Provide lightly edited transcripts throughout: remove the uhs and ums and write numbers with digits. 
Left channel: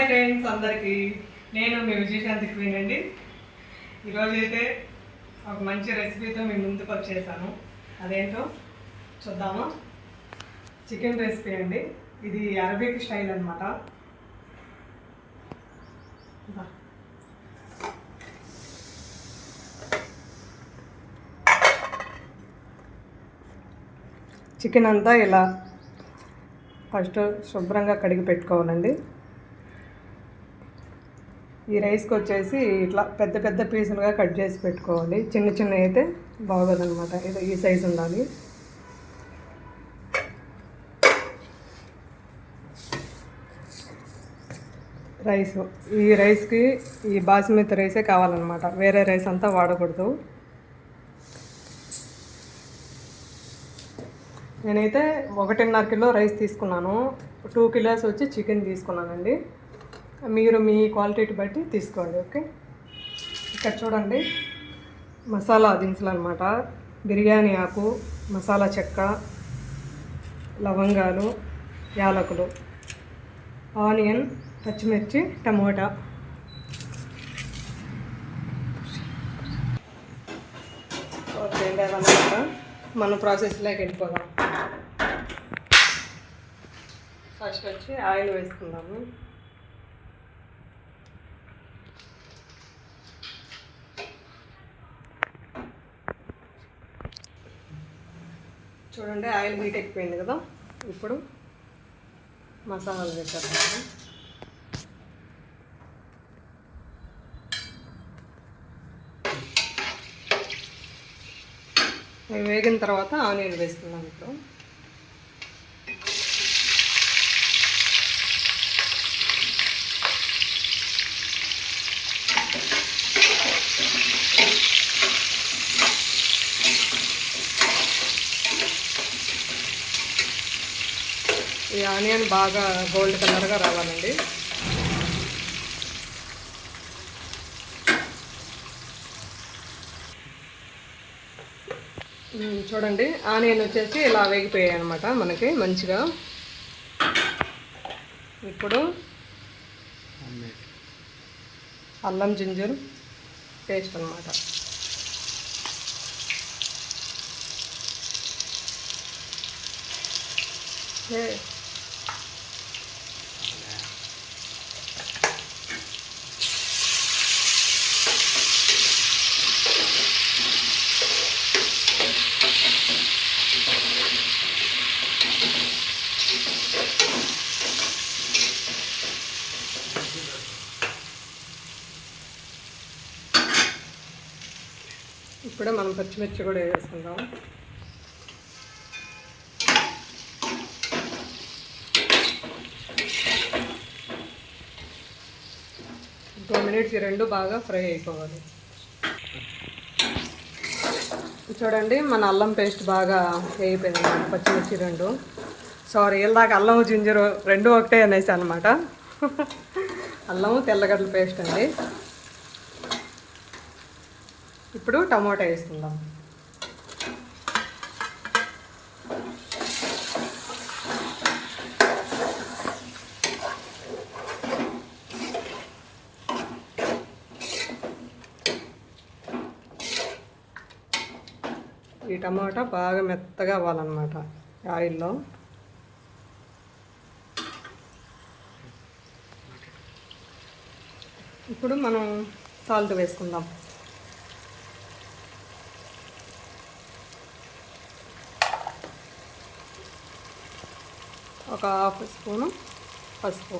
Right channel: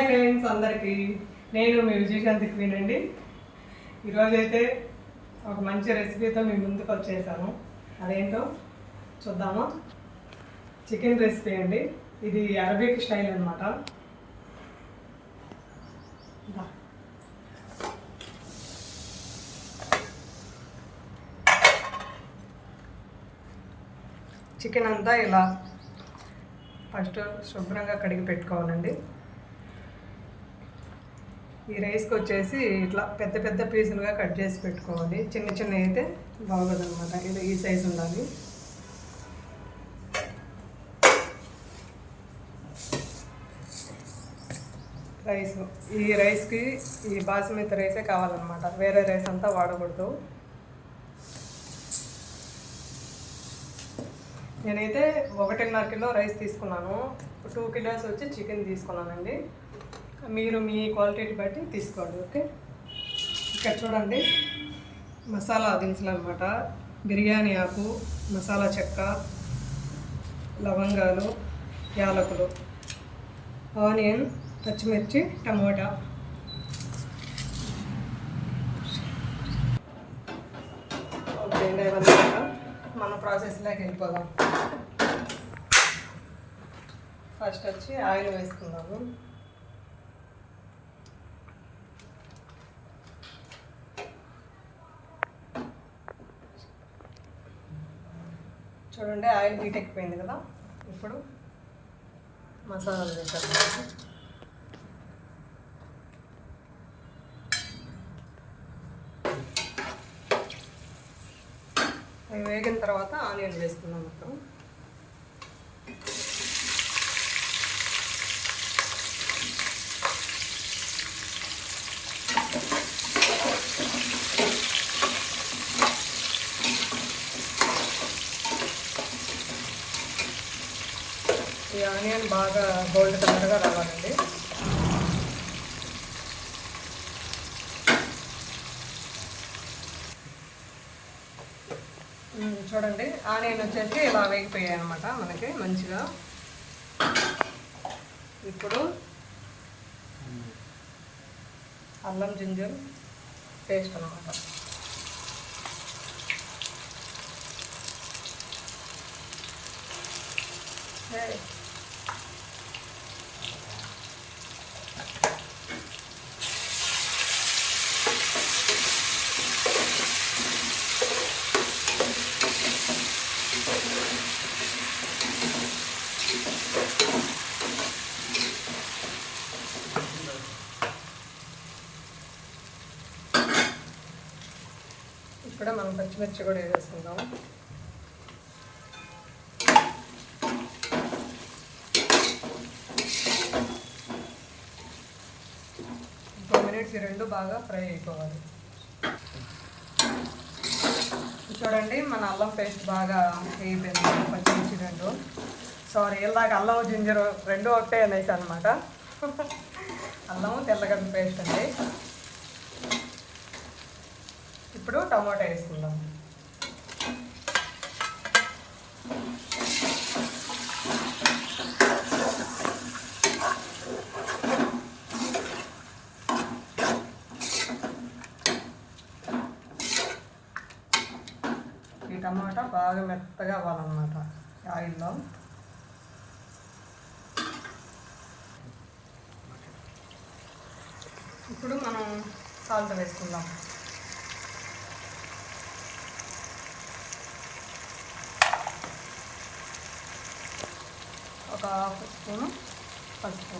Hi friends అందరికీ, నేను మీ Vijayashanti queen అండి. ఈరోజైతే ఒక మంచి రెసిపీతో మీ ముందుకు వచ్చేసాను. అదేంటో చూద్దామా. చికెన్ రెసిపీ అండి. ఇది అరబిక్ స్టైల్ అనమాట. చికెన్ అంతా ఇలా ఫస్ట్ శుభ్రంగా కడిగి పెట్టుకోవాలండి. ఈ రైస్కి వచ్చేసి ఇట్లా పెద్ద పెద్ద పీసులుగా కట్ చేసి పెట్టుకోవాలి. చిన్న చిన్న అయితే బాగోదు అనమాట. ఇది ఈ సైజు ఉండాలి. రైస్, ఈ రైస్కి ఈ బాస్మతి రైసే కావాలన్నమాట. వేరే రైస్ అంతా వాడకూడదు. నేనైతే 1.5 కిలో రైస్ తీసుకున్నాను. 2 కిలోస్ వచ్చి చికెన్ తీసుకున్నానండి. మీరు మీ క్వాలిటీని బట్టి తీసుకోండి. ఓకే, ఇక్కడ చూడండి మసాలా దినుసులు అనమాట. బిర్యానీ ఆకు, మసాలా చెక్క, లవంగాలు, యాలకులు, ఆనియన్, పచ్చిమిర్చి, టమోటా. ఓకే అండి, అదంతా మన ప్రాసెస్లోకి వెళ్ళిపోదాం. ఫస్ట్ వచ్చి ఆయిల్ వేసుకుందాము. చూడండి ఆయిల్ హీట్ ఎక్కిపోయింది కదా. ఇప్పుడు మసాలాలు వేసేస్తాము. మేము వేగిన తర్వాత ఆనియన్ వేసుకున్నాం. ఇప్పుడు ఈ ఆనియన్ బాగా గోల్డ్ కలర్గా రావాలండి. చూడండి ఆనియన్ వచ్చేసి ఇలా వేగిపోయాయి అనమాట మనకి మంచిగా. ఇప్పుడు అల్లం జింజర్ పేస్ట్ అనమాట. ఇప్పుడే మనం పచ్చిమిర్చి కూడా వేసుకుందాం. ఈ రెండు బాగా ఫ్రై అయిపోవాలి. చూడండి మన అల్లం పేస్ట్ బాగా వేగిపోయింది. పచ్చిమిర్చి రెండు, సారీ ఇందాక అల్లం జింజరు రెండు ఒకటే అనేసి అనమాట. అల్లం తెల్లగడ్డల పేస్ట్ అండి. ఇప్పుడు టమాటా వేసుకుందాం. ఈ టమాటా బాగా మెత్తగా అవ్వాలన్నమాట ఆయిల్లో. ఇప్పుడు మనం సాల్ట్ వేసుకుందాం. ఒక 1/2 స్పూను పసుపు.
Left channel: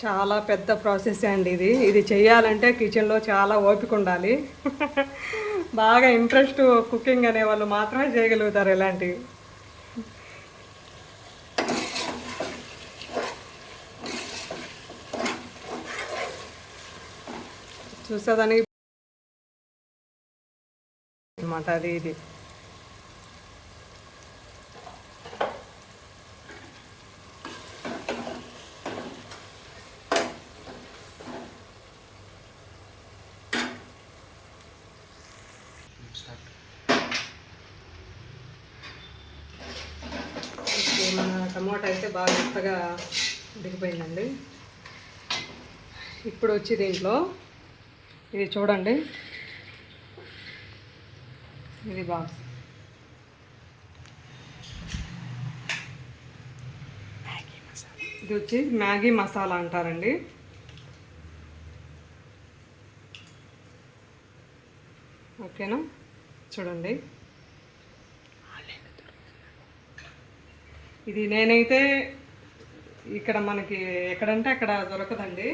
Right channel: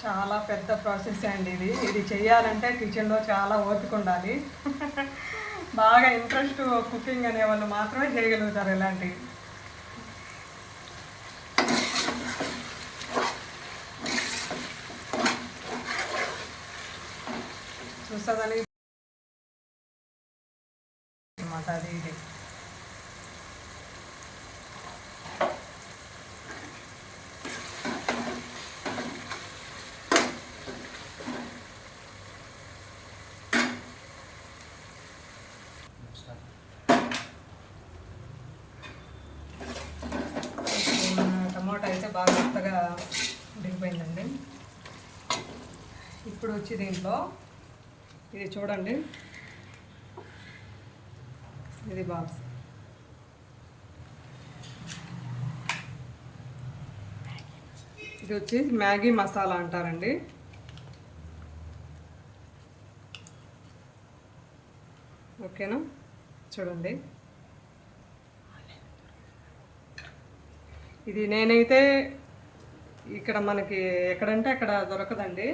చాలా పెద్ద ప్రాసెస్ అండి ఇది చేయాలంటే కిచెన్లో చాలా ఓపిక ఉండాలి. బాగా ఇంట్రెస్ట్ కుకింగ్ అనే వాళ్ళు మాత్రమే చేయగలుగుతారు ఇలాంటివి. చూసేదానికి అనమాట ఇది. టమాటా అయితే బాగా మెత్తగా ఉడికిపోయిందండి. ఇప్పుడు వచ్చి దీంట్లో ఇది చూడండి, ఇది బాక్స్. ఇది వచ్చి మ్యాగీ మసాలా అంటారండి. ఓకేనా, చూడండి. ఇది నేనైతే ఇక్కడ మనకి ఎక్కడంటే అక్కడ దొరకదండి.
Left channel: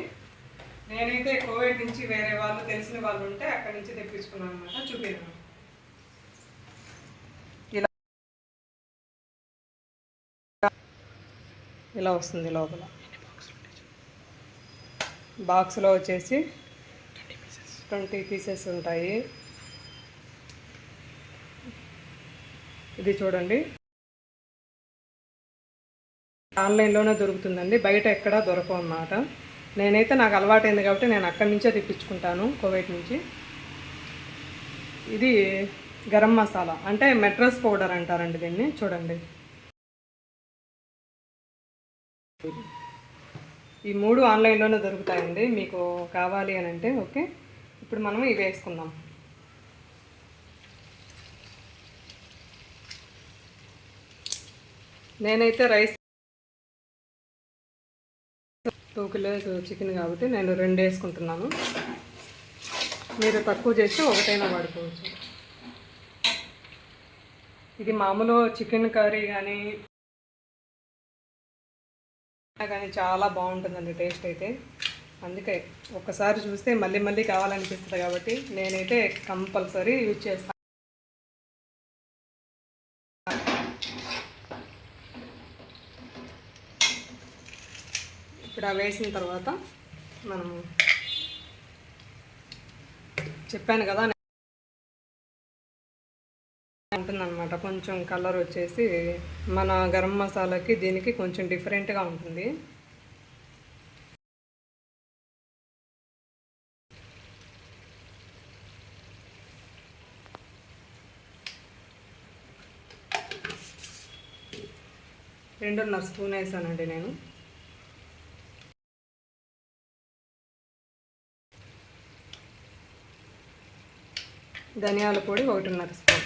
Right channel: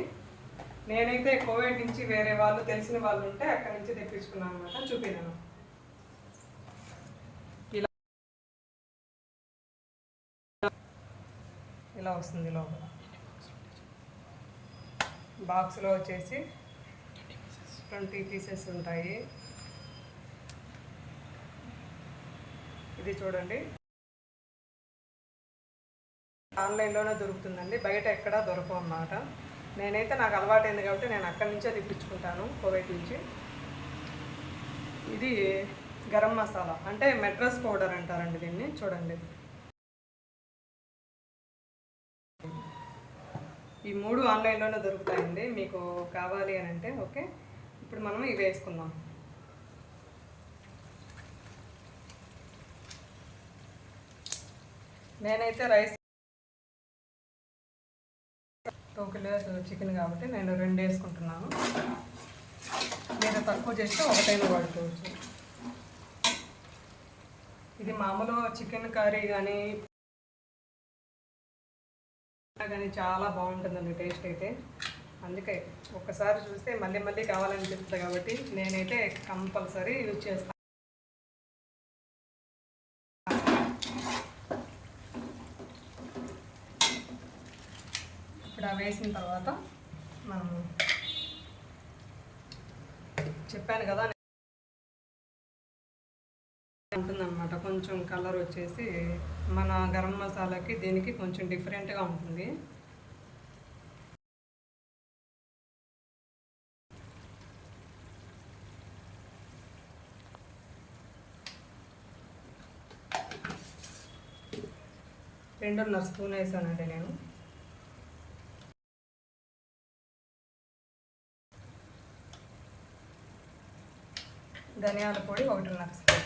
నేనైతే కోవిడ్ నుంచి వేరే వాళ్ళు తెలిసిన వాళ్ళు ఉంటే అక్కడి నుంచి తెప్పించుకున్నాను అనమాట. చూపినాను. ఇలా ఇలా వస్తుంది. లోపల బాక్స్లో వచ్చేసి 20 పీసెస్ ఉంటాయి. ఇది చూడండి, ఆన్లైన్లోనే దొరుకుతుందండి, బయట ఎక్కడా దొరకవు అన్నమాట. నేనైతే నాకు అలవాటైంది కాబట్టి నేను అక్కడి నుంచే తెప్పించుకుంటాను, కోవిడ్ నుంచి. ఇది గరం మసాలా అంటే మెట్రస్ పౌడర్ అంటారండి దీన్ని. చూడండి, ఈ 3 ఆన్లైన్లోనే దొరుకుతాయండి. మీకు కావాలి అని అంటే ఓకే. ఇప్పుడు మనం ఇవి వేసుకుందాం. నేనైతే రైస్ 2 కిలోస్ చికెన్ కాబట్టి నేను 2 వేసుకుంటున్నాను. మీరు తక్కువ చేస్తే ఒకటైనా వాడుకోవచ్చు. ఇది మామూలు చికెన్ కర్రీ కానీ చాలా బాగుంటుందండి టేస్ట్ అయితే. అందుకే ఒక్కసారి చూస్తే మళ్ళీ మళ్ళీ కావాలనిపిస్తుంది కాబట్టి నేనైతే కంపల్సరీ యూజ్ చేస్తాను. ఇక్కడ వేసిన తర్వాత మనము చెప్పాను కదా ఉంటుందన్నమాట. కొంచెం కలర్ వచ్చేసి మన గరం మసాలాకి దీనికి కొంచెం డిఫరెంట్గా ఉంటుంది. రెండున్నర స్పూన్ వేసానండి నేను. ధనియాల పొడి 1.5 స్పూన్.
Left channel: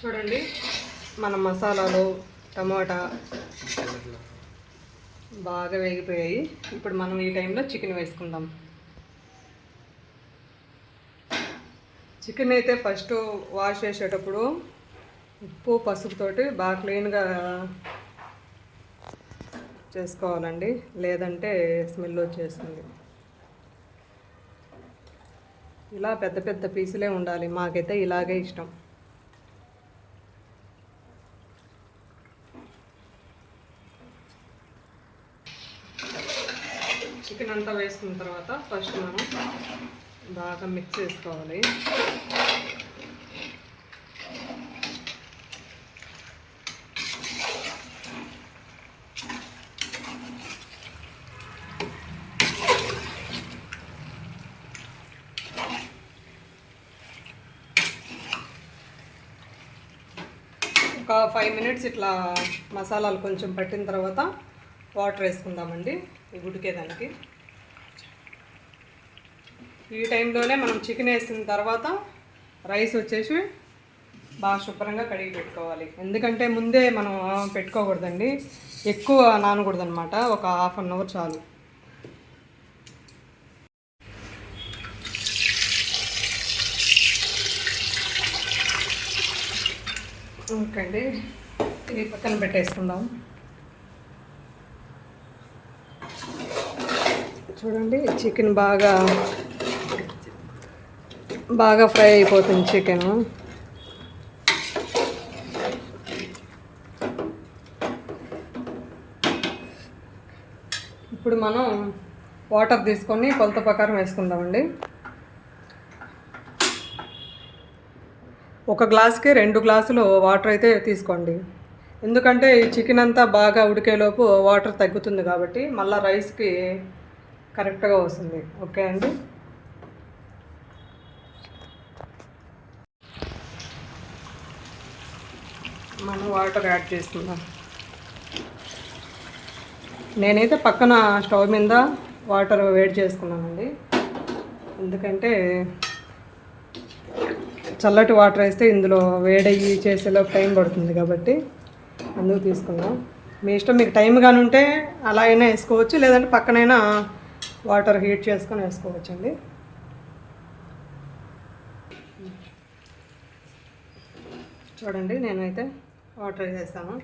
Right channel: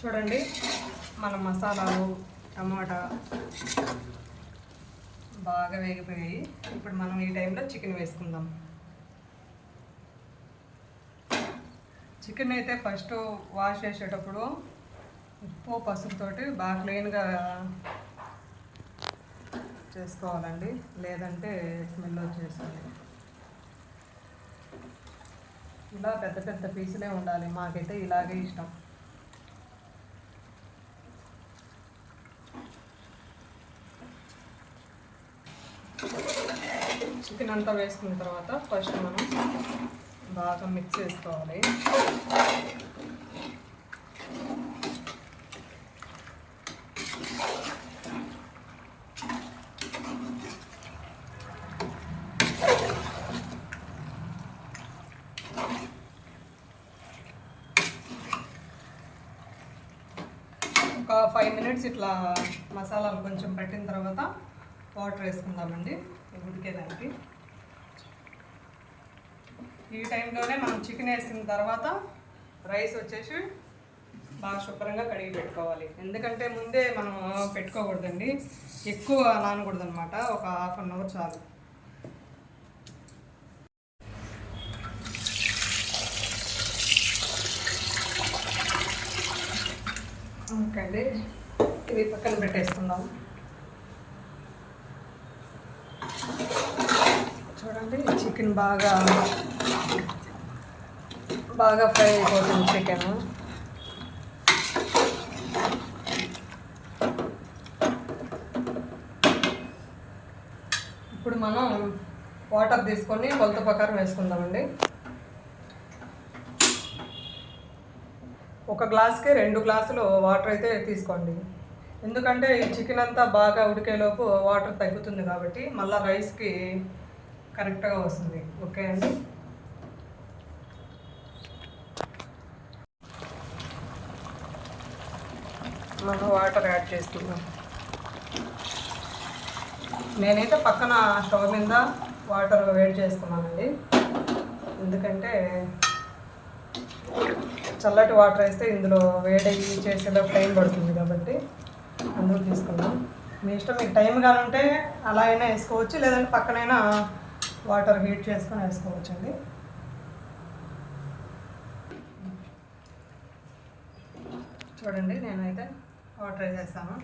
చూడండి, మన మసాలాలు టమాటా బాగా వేగిపోయాయి. ఇప్పుడు మనం ఈ టైంలో చికెన్ వేసుకుందాం. చికెన్ అయితే ఫస్ట్ వాష్ చేసేటప్పుడు ఉప్పు పసుపుతోటి బాగా క్లీన్గా చేసుకోవాలండి, లేదంటే స్మెల్ వచ్చేస్తుంది. ఇలా పెద్ద పెద్ద పీసులే ఉండాలి, మాకైతే ఇలాగే ఇష్టం. చికెన్ అంతా వేసుకున్న తర్వాత ఫస్ట్ మనం బాగా మిక్స్ చేసుకోవాలి. ఒక 5 మినిట్స్ ఇట్లా మసాలాలు కొంచెం పట్టిన తర్వాత వాటర్ వేసుకుందామండి ఉడికేదానికి. ఈ టైంలోనే మనం చికెన్ వేసిన తర్వాత రైస్ వచ్చేసి బాగా శుభ్రంగా కడిగి పెట్టుకోవాలి. ఎందుకంటే ముందే మనం పెట్టుకోకూడదండి, ఎక్కువ నానకూడదు అనమాట. ఒక ½ అన్ అవర్ చాలు. ఓకే అండి, ఇది పక్కన పెట్టేసుకుందాం. చూడండి, చికెన్ బాగా ఫ్రై అయిపోతుంది చికెన్. ఇప్పుడు మనం వాటర్ తీసుకొని కొలత ప్రకారం వేసుకుందామండి. 1 గ్లాస్కి 2 గ్లాసులు వాటర్ అయితే తీసుకోండి. ఎందుకంటే ఈ చికెన్ అంతా బాగా ఉడికేలోపు వాటర్ తగ్గుతుంది కాబట్టి మళ్ళీ రైస్కి కరెక్ట్గా వస్తుంది. ఓకే అండి. మనం వాటర్ యాడ్ చేస్తున్నాం. నేనైతే పక్కన స్టవ్ మీద వాటర్ వేడి చేసుకున్నానండి. ఎందుకంటే చల్లటి వాటర్ వేస్తే ఇందులో వేడయ్యి చేసేలో టైం పడుతుంది కాబట్టి అందుకు తీసుకున్నాం. మీ ఇష్టం, మీకు టైం కానీ ఉంటే అలా అయినా వేసుకోవచ్చు, లేదంటే పక్కనైనా వాటర్ హీట్ చేసుకొని వేసుకోవచ్చు అండి. చూడండి, నేనైతే వాటర్ వేసేస్తాను.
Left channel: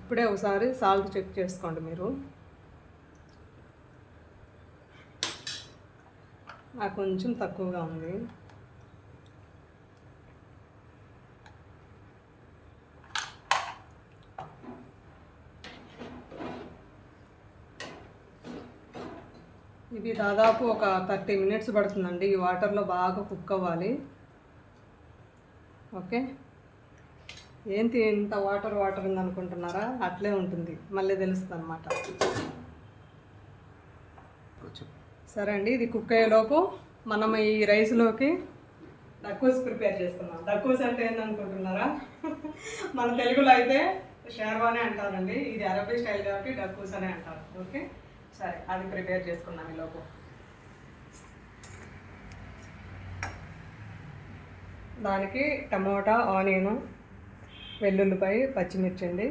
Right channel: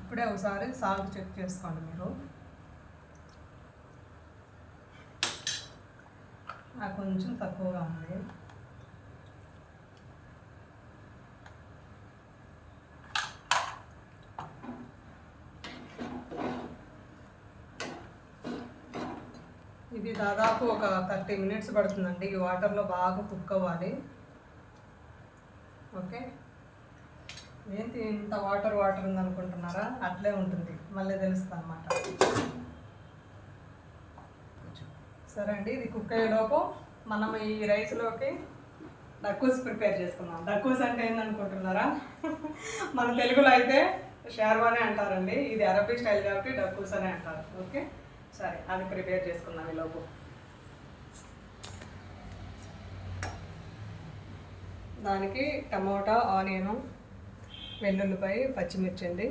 ఇప్పుడే ఒకసారి సాల్ట్ చెక్ చేసుకోండి మీరు. నాకు కొంచెం తక్కువగా ఉంది. ఇది దాదాపు ఒక 30 మినిట్స్ పడుతుందండి. ఈ వాటర్లో బాగా కుక్ అవ్వాలి. ఓకే. ఏంటి ఇంత వాటర్ ఉందనుకుంటున్నారా? అట్లే ఉంటుంది, మళ్ళీ తెలుస్తుంది అన్నమాట. సరే అండి, ఇది కుక్ అయ్యేలోపు మనం ఈ రైస్లోకి డక్కూస్ ప్రిపేర్ చేసుకుందాం. డక్కూస్ అంటే ఏందనుకుంటున్నారా? మన తెలుగులో అయితే షార్వానే అంటారండి. ఇది అరబీ స్టైల్ కాబట్టి డక్కూస్ అనే అంటారు. ఓకే, సరే అది ప్రిపేర్ చేసుకుందాం. ఈలోపు దానికి టమాటా, ఆనియను, వెల్లుల్లిపాయ, పచ్చిమిర్చి అండి.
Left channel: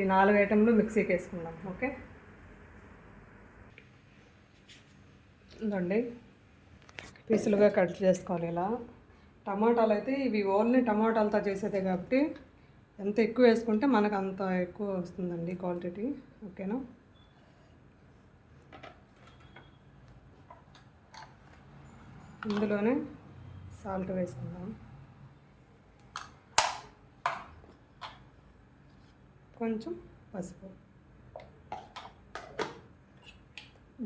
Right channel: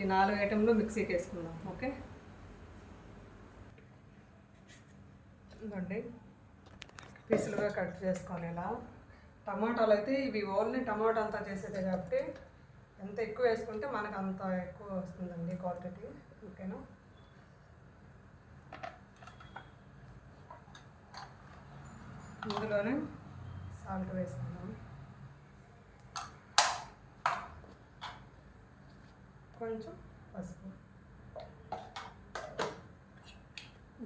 ఈ 4 ఐటెంలు మిక్సీకి వేసుకుందాం. ఓకే, ఇదండి పీసులుగా కట్ చేసుకోవాలి ఇలా. టమాటాలు అయితే ఇవి ఓన్లీ టమాటాలతో చేసేదే కాబట్టి ఎంత ఎక్కువ వేసుకుంటే మనకు అంత ఎక్కువ వస్తుందండి క్వాంటిటీ. ఓకేనా? ఇందులోనే సాల్ట్ వేసుకుందాం, కొంచెం పసుపు.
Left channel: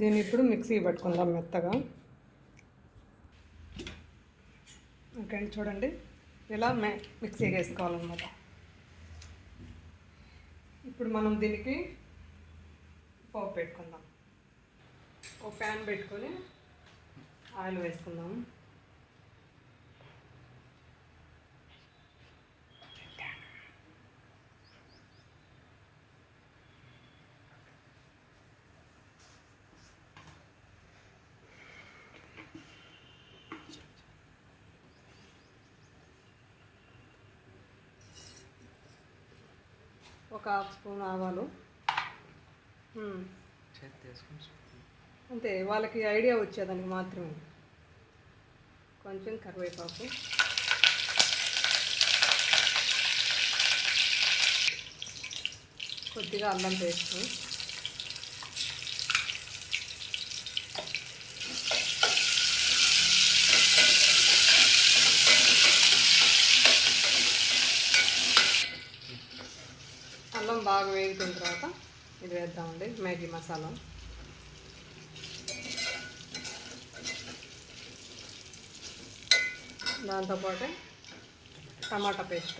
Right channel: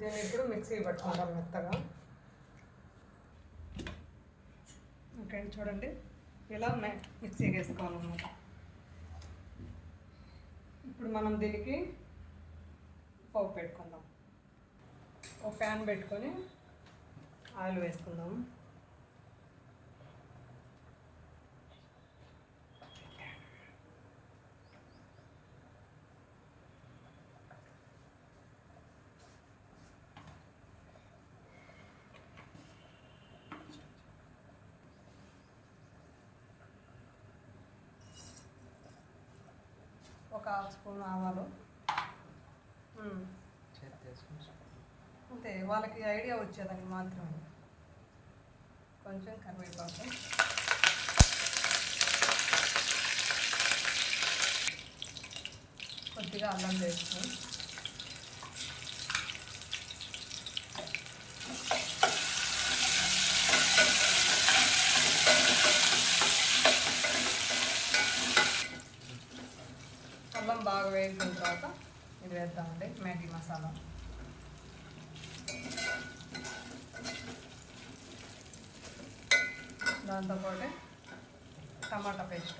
దీన్ని ఇప్పుడు మిక్సీ పట్టుకుందాం మెత్తగా. ఓకే, చూడండి ఇలా మిక్సీ వేసుకోవాలన్నమాట. ఇప్పుడు మనం దీనికి పోపు పెట్టుకుందాం. ఒక ప్యాన్ పెట్టుకొని ఆయిల్ వేసుకుందాం. ఒక 1/2 స్పూన్ ఆవాలు, అంతే, వాళ్ళకి ఐడియా వచ్చేదానికి మాత్రమే. కొంచెం కరివేపాకు, కొద్దిగా అల్లం పేస్ట్, అల్లం బాగా వేగిన తర్వాత ఇది వేద్దామండి మ్యాగీ మసాలా. దాంతోపాటు టమాటా పేస్ట్,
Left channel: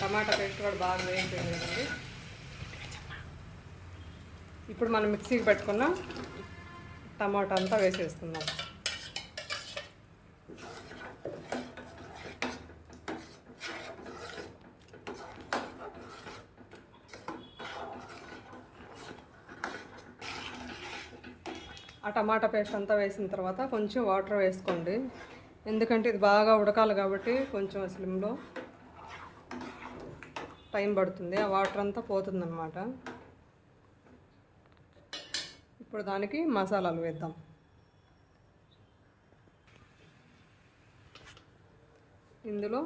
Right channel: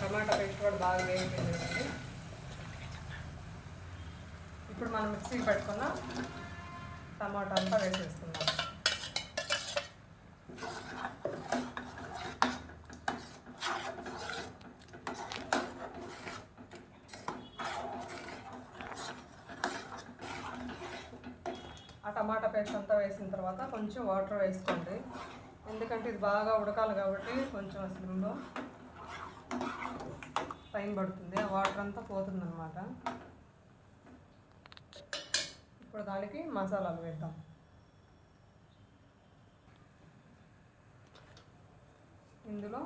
టమాటా పేస్ట్ కూడా బాగా వేగిపోయిందండి. ఇప్పుడు మనం మిక్సీకి పెట్టుకున్న టమాటా అంతా వేసేసుకుందాం. ఆ టమాటా పేస్ట్ అంతా వేసిన తర్వాత కొంచెం వాటర్ వేసుకోండి, ఎందుకంటే ఇది బాగా ఉడకాలి కాబట్టి కొంచెం స్లిమ్లో టైం పడుతుంది. ఆ వాటర్ అంతా పోతుందన్నమాట. ఇప్పుడు దానికి మసాలాలు వేద్దాం. ఇందులో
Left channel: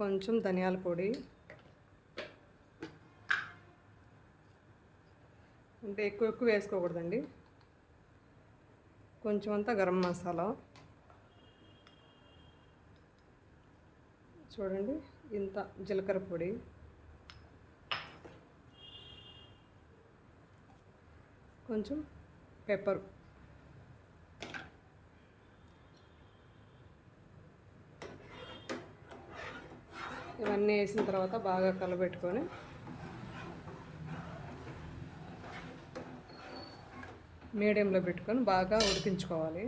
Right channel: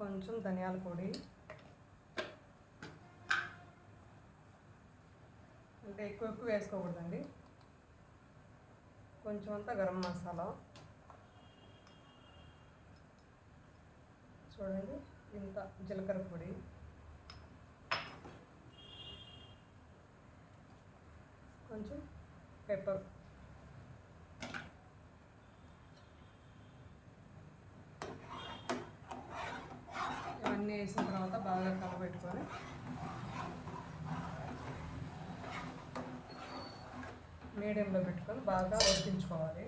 కొంచెం ధనియాల పొడి, అంటే ఎక్కువ వేసుకోకూడదండి. కొంచెం అంతా గరం మసాలా, చూడండి ఇంత జీలకర్ర పొడి, కొంచెం పెప్పర్, ఇవన్నీ వేసిన తర్వాత బాగా కలబెట్టుకొని మీడియంలో పెట్టుకొని బాగా ఉడికించుకోవాలి.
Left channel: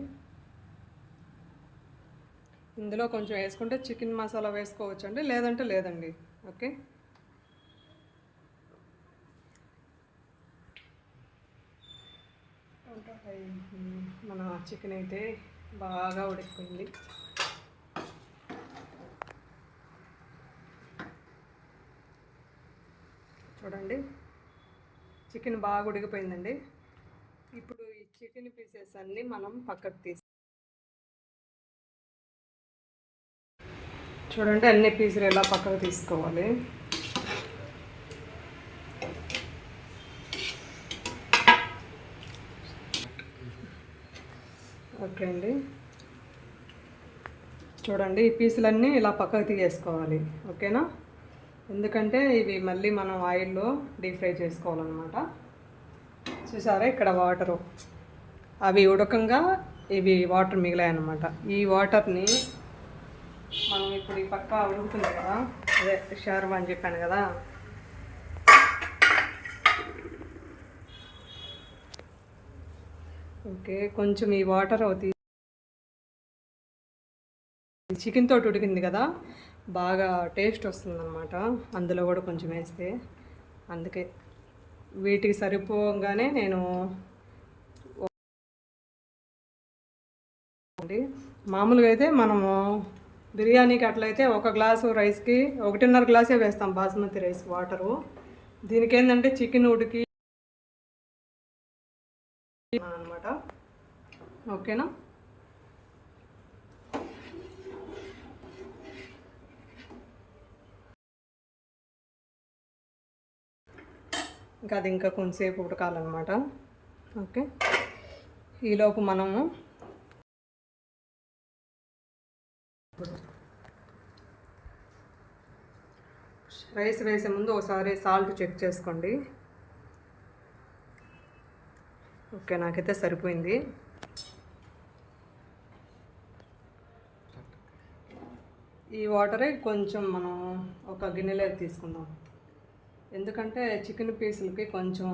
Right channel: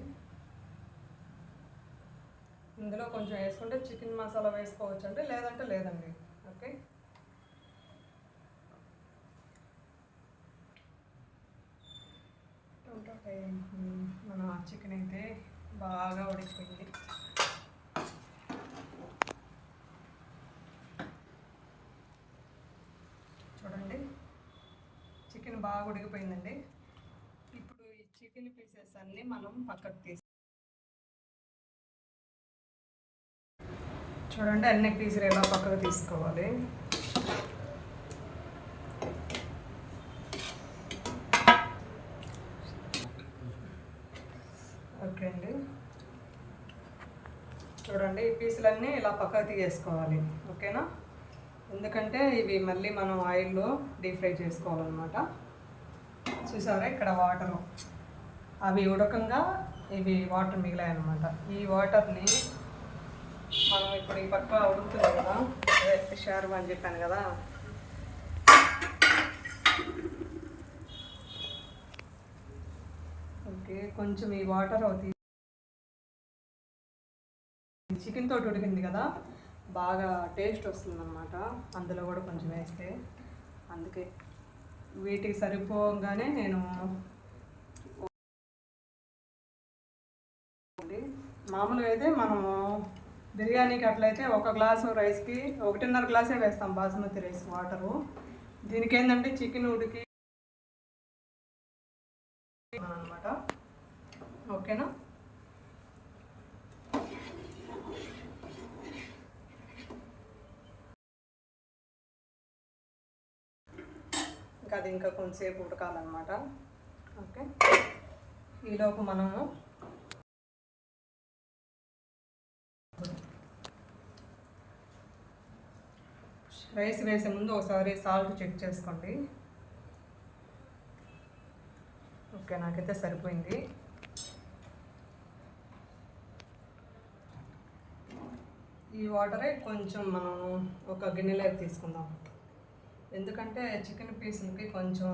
ఇందులో కొంచెం వేసుకుంటే చికెన్ మసాలా వేసుకోవచ్చు అండి, లేదంటే లేదండి. ఓకే, మన చికెన్ అయితే బాగా ఉడికిపోయింది. చూడండి చికెన్ బాగా ఉడికిపోయిందండి. ఇప్పుడు ఈ చికెన్ పీసెస్ అన్నీ మనం పక్కకు తీసి చూడండి అన్ని పీసులు ఎలా పక్కకు తీసుకోవాలి. ఓకే అండి, చూడండి ఈ పీసులన్నీ ఇలా పక్కకు తీసేసుకోవాలి. ఓకేనా, ఎందుకంటే ఇవి మళ్ళీ మనం ఆయిల్లో డీప్ ఫ్రై చేసుకోవాలన్నమాట. చూసారా ఇక్కడ వాటరు అవి ఉడకంగా ఇవి వాటర్ మిగిలాయి అన్నమాట. ఈ వాటర్ని మనం ఇప్పుడు ఈ పక్క ఉడుకుతుంది కదా, అదే షార్వా అని చెప్పాను కదా, ఓకే కొంచెం ఈ వాటర్ చికెన్ తోటి ఉడికింది కదా, బాగా టేస్ట్ వస్తుందన్నమాట అందులో కూడా కొంచెం వేస్తే. అందుకే వీటికి సరిపోగానే నేను మామూలుగా అయితే మనము బిర్యానీకి అట్లయితే 1 గ్లాసు రైస్కి 1.5 గ్లాసే వేస్తాం బాస్మతి రైస్ వాటరు. దీనికి ఏంటంటే చికెన్ ఉడికి అనమాట. ఓకేనా, ఇంకా అది ఇంకా కొంచెంసేపు ఉడకాలన్నమాట. ఓకే, ఈలోపు మనము రైస్ వేసే ముందు ఒకసారి సాల్ట్ చెక్ చేసుకోండి. ఓకే, నాకైతే సరిపోయింది. ఈ వాటరే కొంచెం మనం ఒక గిన్నెలోకి తీసుకుందాం, ఎందుకంటే చికెన్ పీసులకి కొంచెం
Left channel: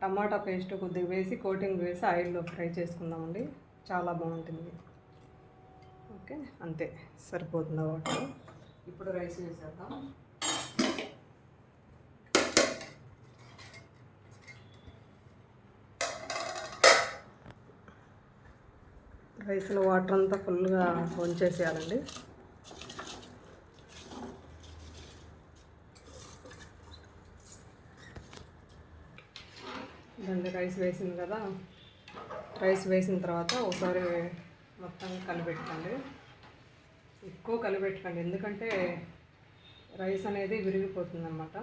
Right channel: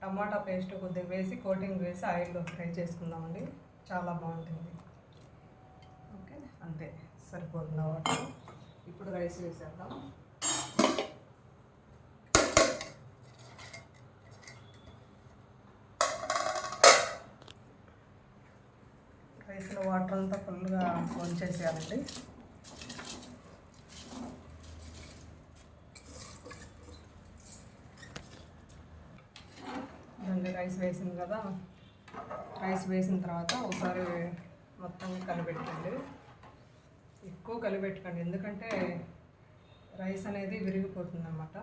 టమాటా పేస్ట్ కొద్దిగా వేసి కోటింగ్ వేసి ఆయిల్లో ఫ్రై చేసుకుందామండి, చాలా బాగుంటుంది. ఓకే, అంతే సరిపోతుంది వాటర్. ఇప్పుడు రైస్ వేసేద్దాం. రైస్లో వాటర్ అంతా ఫుల్గా వంచేసేయాలండి. ఇదండి రైస్ వేసింది కదా, రైస్ వేసిన తర్వాత ఒకసారి మొత్తం కలిపెట్టుకోండి. ఎక్కువ కలిపెట్టుకోండి, ఎందుకంటే రైస్ అనేది విరిగిపోతుంది అన్నమాట.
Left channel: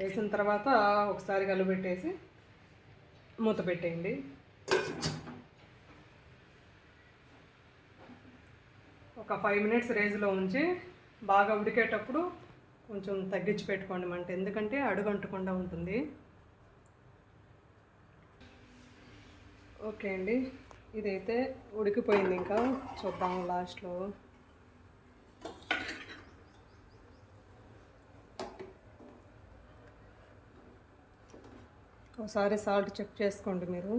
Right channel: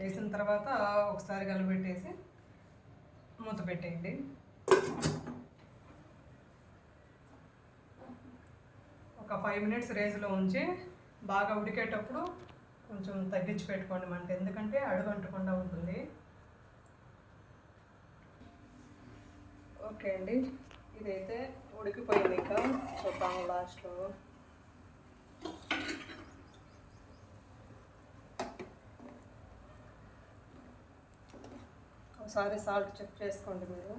వేసిన తర్వాత ఒకసారి కలిపెట్టేసి మూత పెట్టేయండి. ఒక 5 మినిట్స్ రేజ్లో ఉంచి బాగా ఉడికేటప్పుడు కొంచెం తగ్గించి పెట్టుకోండి మంట, ఎందుకంటే అడుగంటకుండా ఉంటుంది. ఓకే అండి, ఇదైతే ఉడికిపోయింది. ఇంకా చూద్దాం లాస్ట్లో. ఒకసారి సాల్ట్ చెక్ చేసుకోండి మీరు.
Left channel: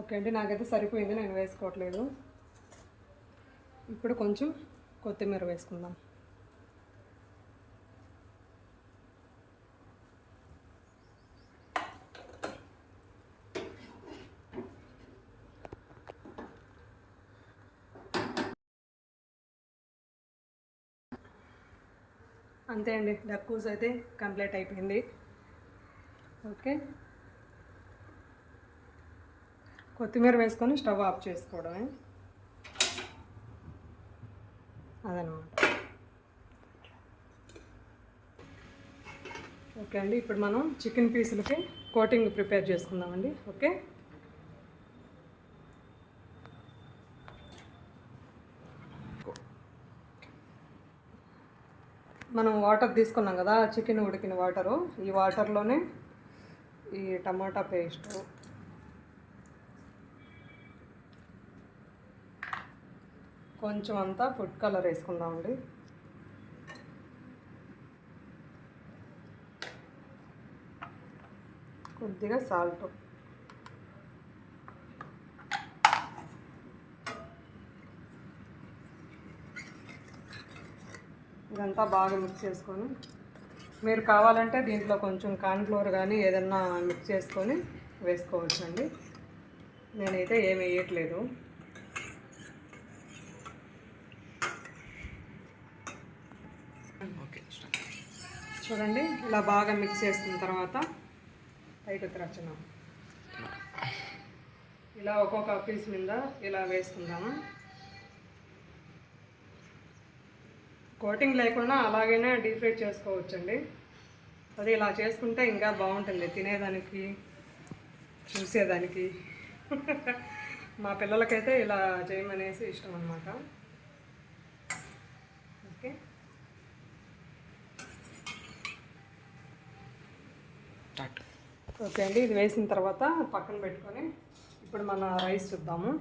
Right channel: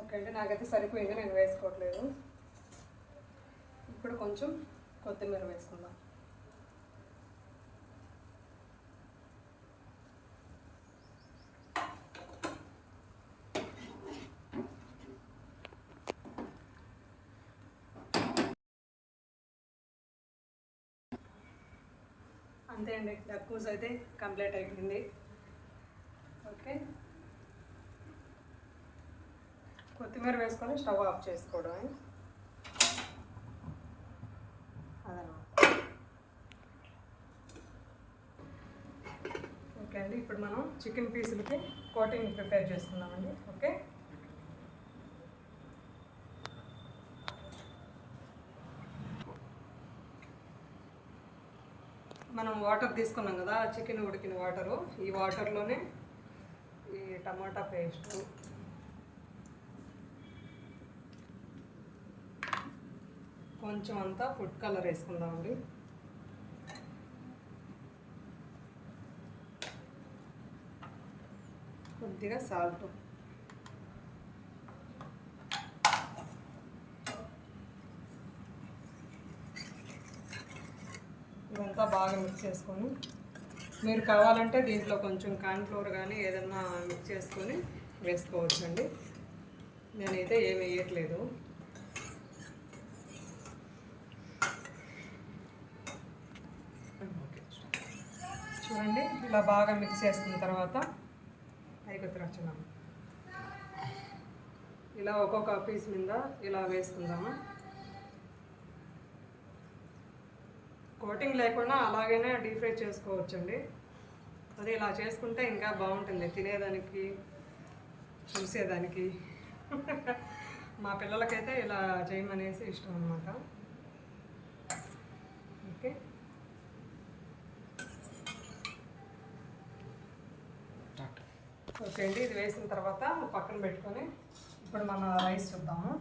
ఓకే అండి, నాకైతే సరిపోయింది, నేను వేసుకోవట్లేదు. ఇప్పుడు కొంచెం కొత్తిమీర వేసుకుందాం. అంతే అండి, డక్కూస్ అయితే కంప్లీట్ అయిపోయింది. ఓకే, కొత్తిమీర వేసుకొని స్టవ్ ఆఫ్ చేసుకోవడమే అదనమాట. ఓకే అండి, ఇప్పుడు మనం చికెన్ పీసులకి కోటింగ్ ప్రిపేర్ చేసుకుందామండి. ఓకే, మనం వాటర్ తీసుకున్నాం కదా, చికెన్ ఉడికిన వాటరు, ఈ వాటర్లోనే ఈ టమాటా పేస్టు, కొంచెం అంతా ఫుడ్ కలర్ వేసుకుందామండి. కొద్దిగా సాల్ట్, ఇదంతా బాగా మిక్స్ చేసుకొని, మీరు కావాలంటే దీంట్లో కొంచెం కార్న్ఫ్లోర్ కానీ ఏదన్నా మిక్స్ చేసుకొని వేసుకోవచ్చండి. నేనైతే ఏమి వేయట్లేదు. చూడండి, ఇలా బాగా మిక్స్ చేసుకున్న తర్వాత పైకి వచ్చినాం. ఇలా ఒక్కొక్క పీస్ మీద ఇలా వేసుకుందాము. కోటింగ్ లేకుండా అలాగైనా డీప్ ఫ్రై చేసుకోవచ్చండి. అది ఇలా చేసుకుంటే ఇంకా బాగుంటుంది తినేదానికి, చూసేదానికి. మా పిల్లలకైతే ఇలా చేయమనేసి ఇష్టం అన్నమాట. ఓకే, ఓకే అండి. ఇది వేసిన తర్వాత పక్కన పెట్టుకొని ఇప్పుడు మన రైస్ చూద్దాము.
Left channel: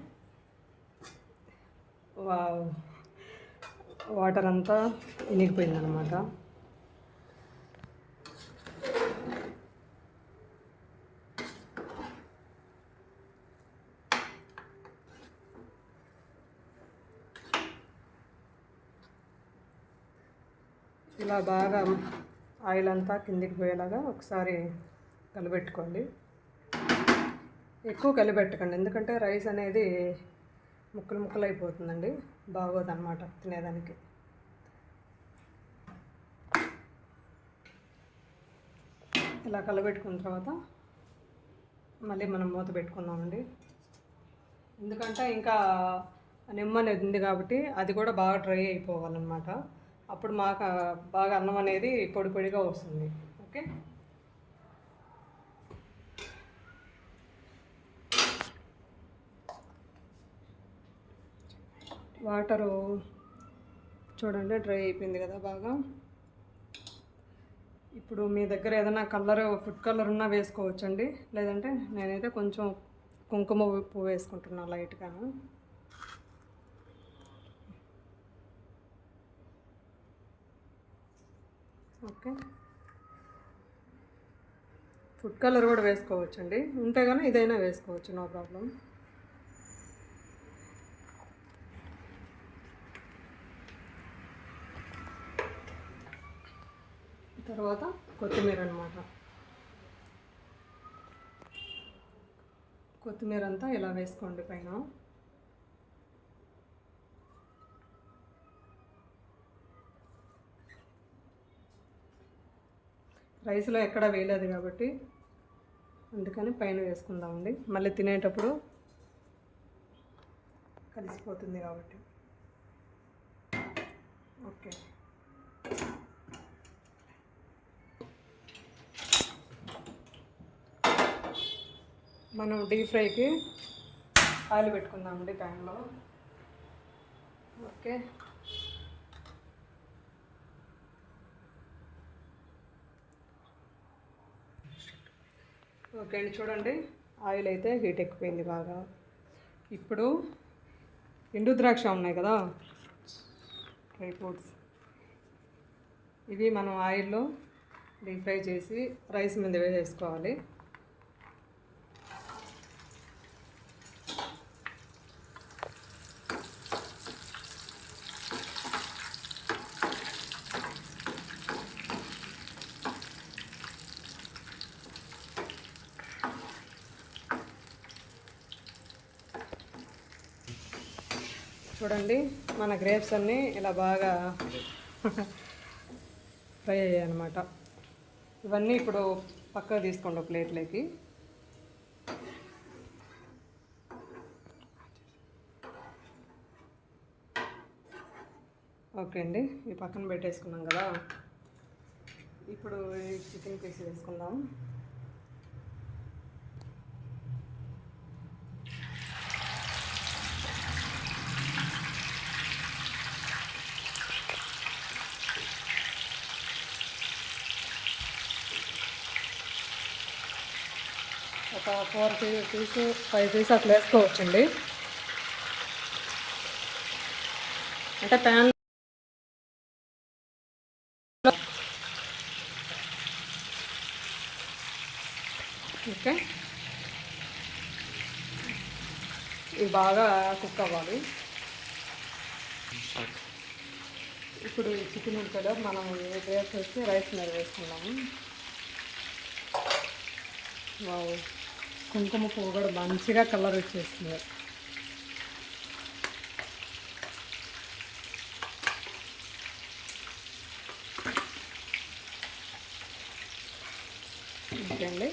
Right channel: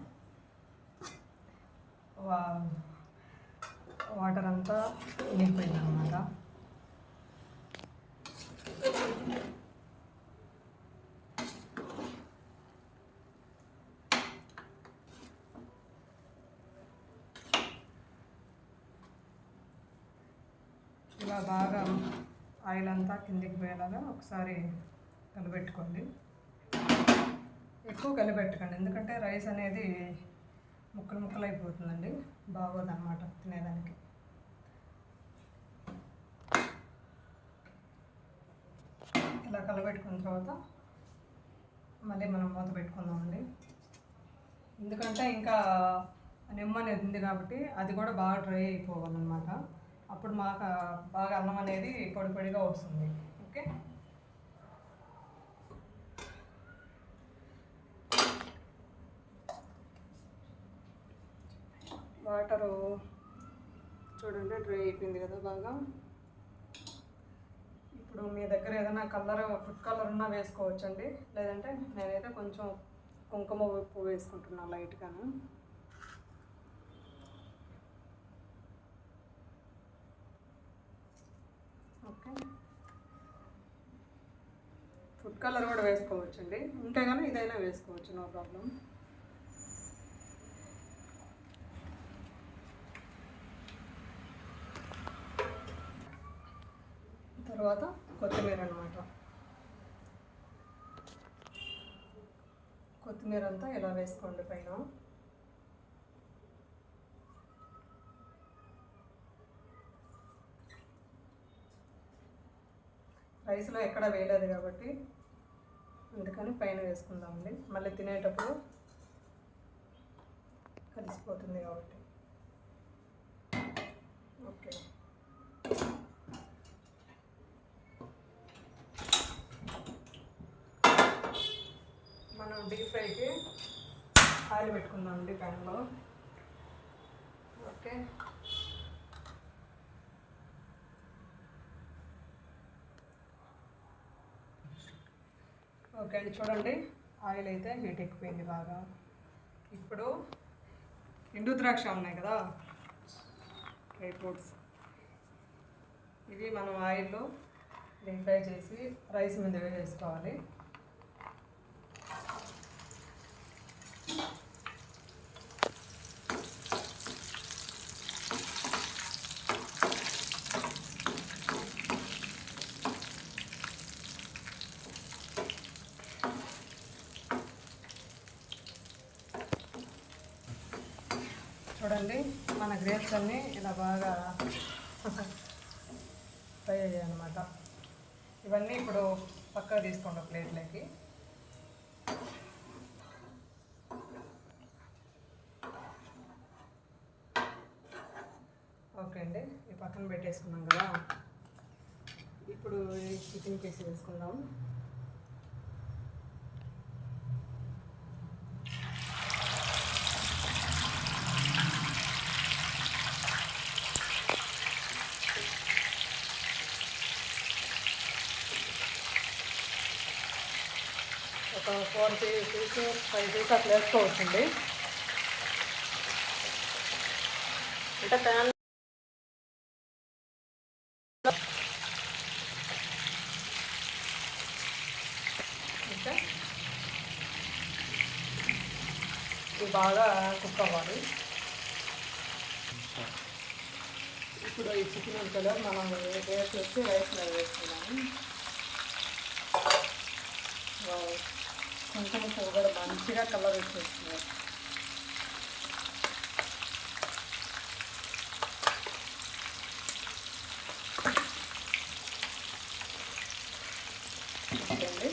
వాటర్ అంతా ఇనిగిపోయింది అన్నమాట. ఇలా బాగా ఆయిల్ అంతా కిందికి పోయేలాగా ఒకసారి కలిపెట్టుకోండి. ఎక్కువ కలిపెట్టకండి, ఎందుకంటే రైస్ అనేది ముక్కలు ముక్కలు అయిపోతుందండి, బాగోదన్నమాట తినేదానికి. ఇలా కలబెట్టుకున్న తర్వాత మళ్ళీ మనం మూత పెట్టుకుందామండి. ఎందుకంటే ఇంకా నిమ్మ అనేది ఉంది కాబట్టి అది కూడా బాగా డ్రై అయిపోవాలన్నమాట. అప్పుడు మాకు బాగా అన్నం అనేది పొడి పొడిగా వస్తుంది. ఓకే, వాటరు చూడండి డ్రై అయిపోయింది కదా బాగా. ఇప్పుడు మీ దగ్గర ఏదైనా కలర్, ఫుడ్ కలర్ ఉన్నా వేసుకోవచ్చండి. లేదంటే నేనైతే కొంచెం కుంకుమ పువ్వు వేసుకుంటున్నాను లైట్గాను. ఓకే, ఫుడ్ కలర్ కూడా వేసుకోవచ్చండి, ఉంటే కానీ ఇదైనా వేసుకోవచ్చు, నో ప్రాబ్లం. తర్వాత కొత్తిమీర అన్నమాట. కొత్తిమీర అంతా ఇలా వేసుకోండి పైన. రైస్లో ఎక్కడ వేయలేదు కాబట్టి అందుకని పైన వేసుకుందామండి. మళ్ళీ తినేటప్పుడు కలిసిపోతుంది కాబట్టి. ఓకే, మనం డీప్ ఫ్రైకి ఆయిల్ పెట్టుకుందామండి ప్యాన్లో. ఓకే, ఓకే అండి. చూడండి, ఆయిల్ అయితే హీట్ ఎక్కిపోయింది బాగా. ఇప్పుడు ఎండు ద్రాక్ష ఉన్నాయి కదా, డ్రై ఫ్రూట్స్, ఇవి మనం ఆయిల్లో డీప్ ఫ్రై చేసి రైస్ మీద వేసుకోవాలి. చూడండి, మన గ్రేప్స్ అన్నీ ఇలా బాగా ఫ్రై అయ్యాయి అన్నమాట. ఇవన్నీ ఇప్పుడు పక్కకు తీసుకోండి ప్లేట్లోకి. ఓకే అండి, ఈ పక్కన పెట్టేసుకున్నాం కదా. ఇప్పుడు ఈ చికెన్ పీస్ తీసుకుందాం. 5 పీస్ అట్లా వేసుకోవచ్చండి. అంటే ప్యాన్ ఓకే, ఇవి బాగా కుక్ అవ్వాలి. ఇప్పుడు ఈ చికెన్ ఉడకలో మనం వేసి రైస్ మీద వేసుకున్నాము. కుంకుమ పువ్వు కూడా మంచిగా కలర్ వచ్చేస్తుంది. ఓకే,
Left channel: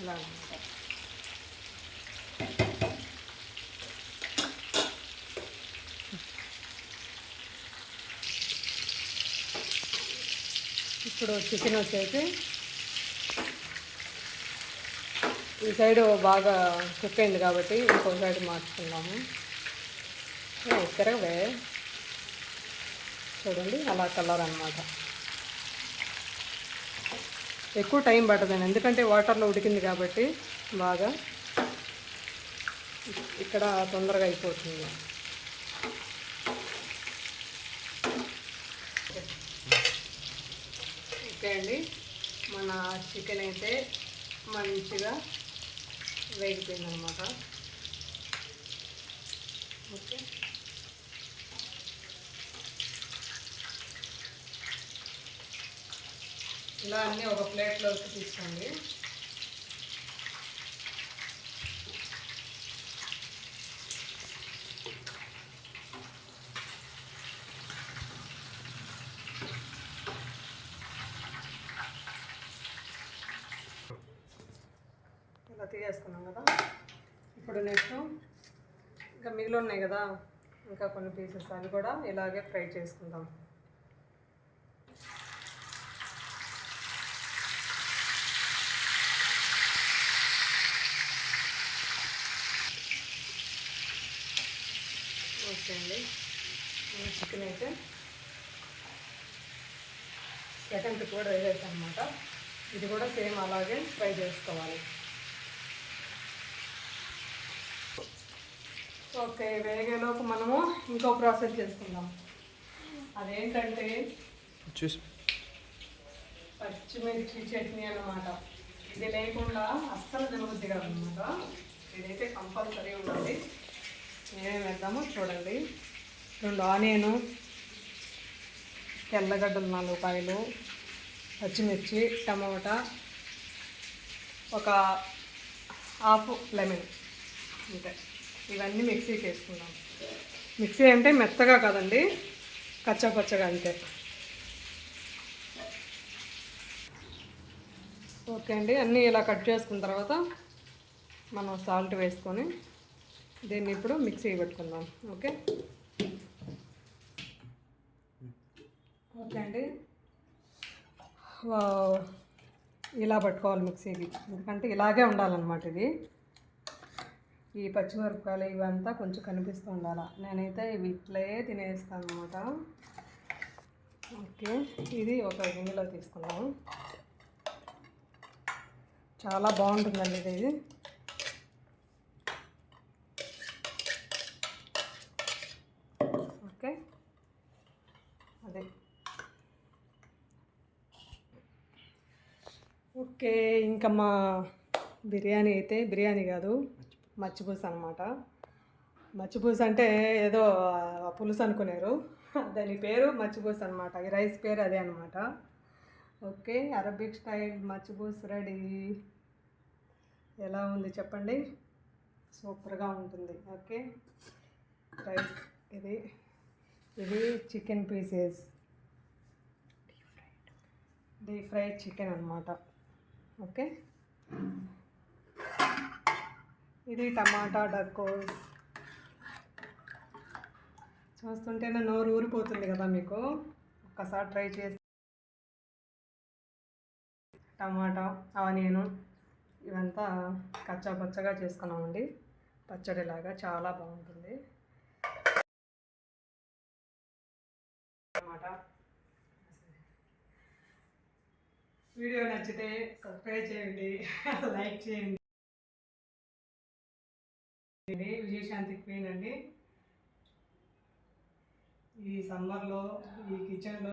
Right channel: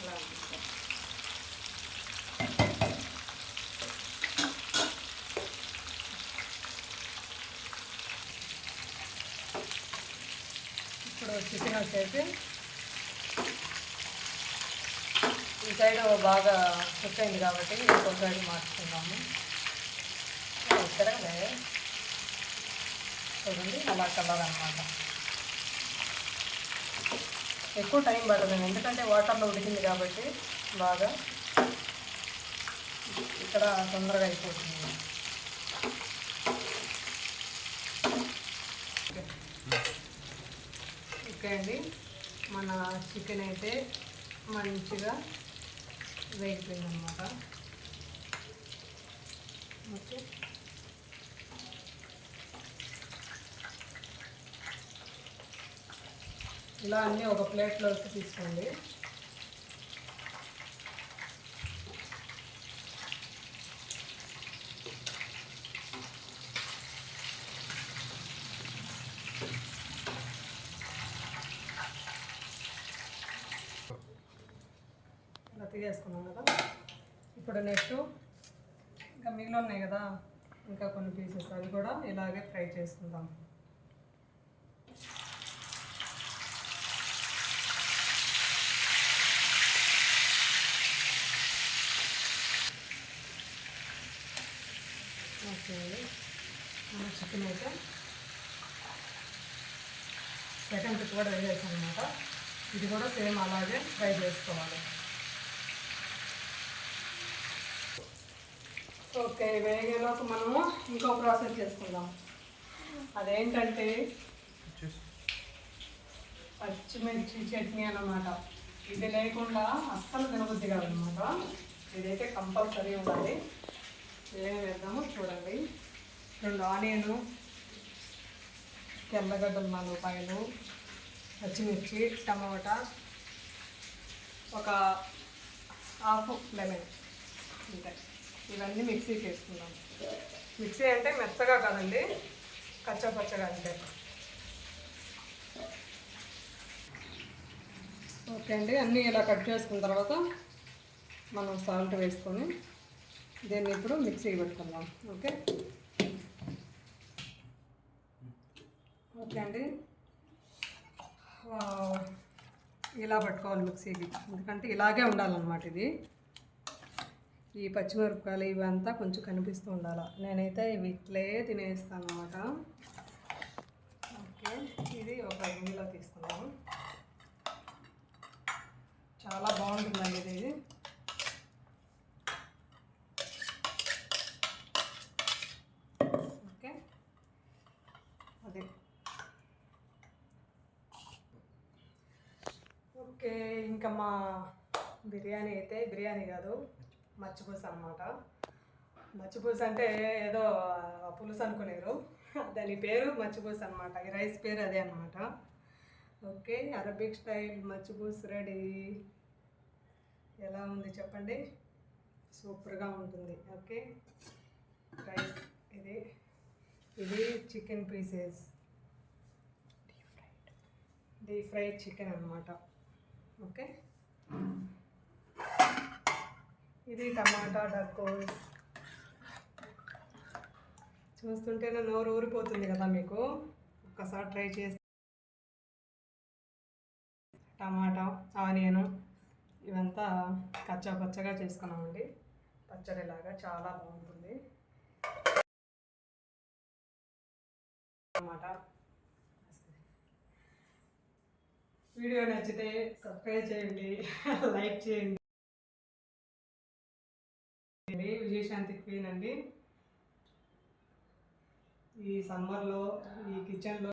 ఇలా ఇప్పుడు చికెన్ వచ్చేసి ఈ సైడ్ బాగా కుక్ అయింది కాబట్టి ఇంకో సైడ్ మార్చుకున్నాము. ఎక్కడే చూడండి అలా కలర్ అన్నమాట. ఎక్కువ టైం పడుతుంది ఎందుకంటే వాటర్లో ఉడికింది కాబట్టి బాగా ఇక్కడ తొందరగా అయిపోతుంది. ఓకే అండి, మన చికెన్ అయితే మంచిగా వేగిపోయింది అనమాట. ఓకే, ఇలా అన్నీ ఒక ప్లేట్లోకి తీసుకోండి. ఇలా తీసేసుకున్నాం కదా. ఇప్పుడు నెక్స్ట్ ఇంకా మిగిలి ఉన్నాయి కదా, ఇంకా కొన్ని పీసెస్ అవి కూడా ఇలాగే ఫ్రై చేసుకుందాం. ఓకే అండి, చికెన్ అయితే సెకండ్ కూడా వేసేసాను అనమాట. ఇది కూడా సేమ్ అలాగే ఫ్రై చేసుకోవాలి. ఓకే, వేగేలోపు మనము ఇంకో ప్రాసెస్ చేసుకుందాం. అదేంటంటే పచ్చిమిర్చి చట్నీ అన్నమాట. ఇది లేకుండా అస్సలు తినబుద్ధి కాదనమాట. ఇదైతే కంపల్సరీ ఉండాలి. ఏమేమి వేద్దాము చూడండి. 2 ఆనియను, తెల్లగడ్డలు 4 కాయలు, పచ్చిమిర్చి, టమాటా, ఒక హాఫ్ లెమన్. ఇంకా ఇవన్నీ మిక్సీకి వేసుకుంటాం. మిక్సీ అంటే మెత్తగా కాదండి, కచ్చపచ్చగా అంతే. ఓకే అండి, అన్నీ ఇలా కట్ చేసుకున్న తర్వాత మనం సాల్ట్ వేసుకొని దీన్ని ఇప్పుడు మిక్సీ పెట్టుకుందాం. ఓకే ఓకే అండి, ఇలా పట్టుకోవాలి మిక్సీకి, ఎందుకంటే ఇలాగే ఉండాలన్నమాట. ఇది ఈ పచ్చిమిరపకాయలు ఇవంతా కొంచెం కనిపిస్తూ ఉండాలి. నేనైతే ఇవి ఇట్లే తినేస్తాను అన్నమాట. ఓకే, ఇది ఒక గిన్నెలో తీసుకున్నాము. చాలా బాగుంటుందండి ఇది. ఓకే, అదే ఓకే. ఇంకా మా బిర్యానీ అయితే బిర్యానీ కాదు, మచ్చిపూస అనమాట. మచ్చిపూస అంటే ఏదో పులుసు అనుకున్నారు, దాని పేరు మచ్చిపూస అనమాట. ఈ రైస్ పేరు అదే అనమాట. ఓకే, అరబిక్ స్టైల్ మచ్చిపూస రెడీ. ఎలా ఉంది చెప్పండి? సూపర్గా ఉంటుంది. ఓకే, రైస్ ఇది ఇది chicken pieces, deep fried chicken అనమాట. ఓకే, ఇది టమాటా డకోస్. చూస్తుంటేనే నోరు ఊరిపోతుంది కదా మీకు. ఒక్కసారి ట్రై చేసి టమాటా, ఆనియను ఇవంతా కచ్చా పచ్చగా చేసుకున్నామండి. పచ్చడిలాగా చాలా బాగుంటుంది టమాటా. వీడియో నచ్చితే సబ్స్క్రైబ్ చేయండి, లైక్ చేయండి. విజయశాంతి క్వీన్ అండి. ఈ సమ్మర్లో ఈ కిచెన్లో